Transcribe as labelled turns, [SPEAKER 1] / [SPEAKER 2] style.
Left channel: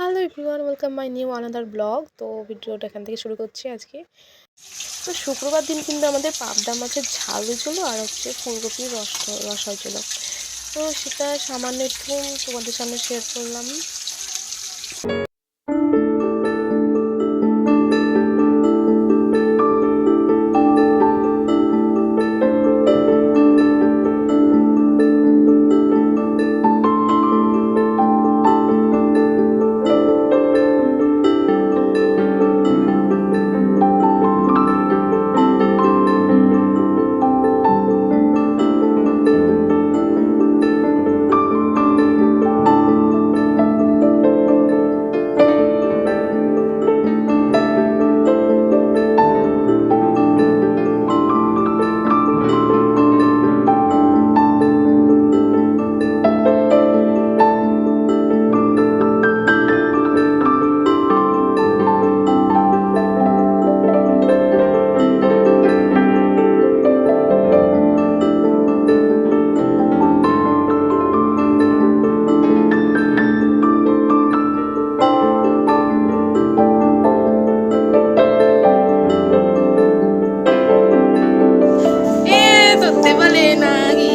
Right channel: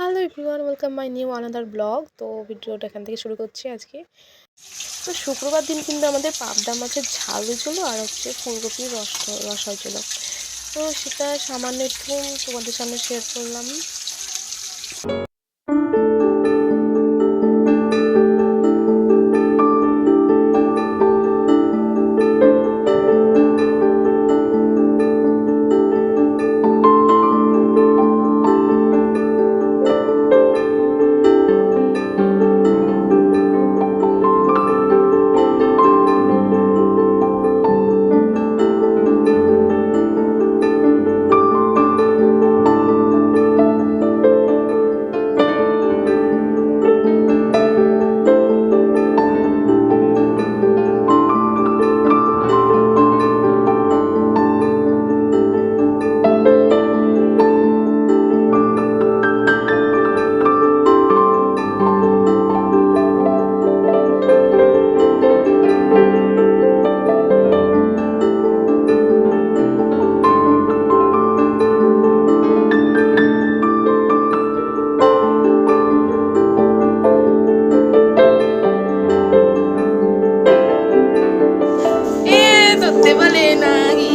[SPEAKER 1] Hello everyone welcome my new another blog তো ভিডিওটা এখান থেকে শুরু করছি আজকে। তো শুক্রবার দিন কিন্তু আমাদের পাবদা মাছের ঝাল হয়েছিল আর হচ্ছে ফুলকপির রস রস হয়েছিল। তো সেটা সামান্য একটু তোমাদের সামনে শেয়ার করলাম। বলতে বলে নাহি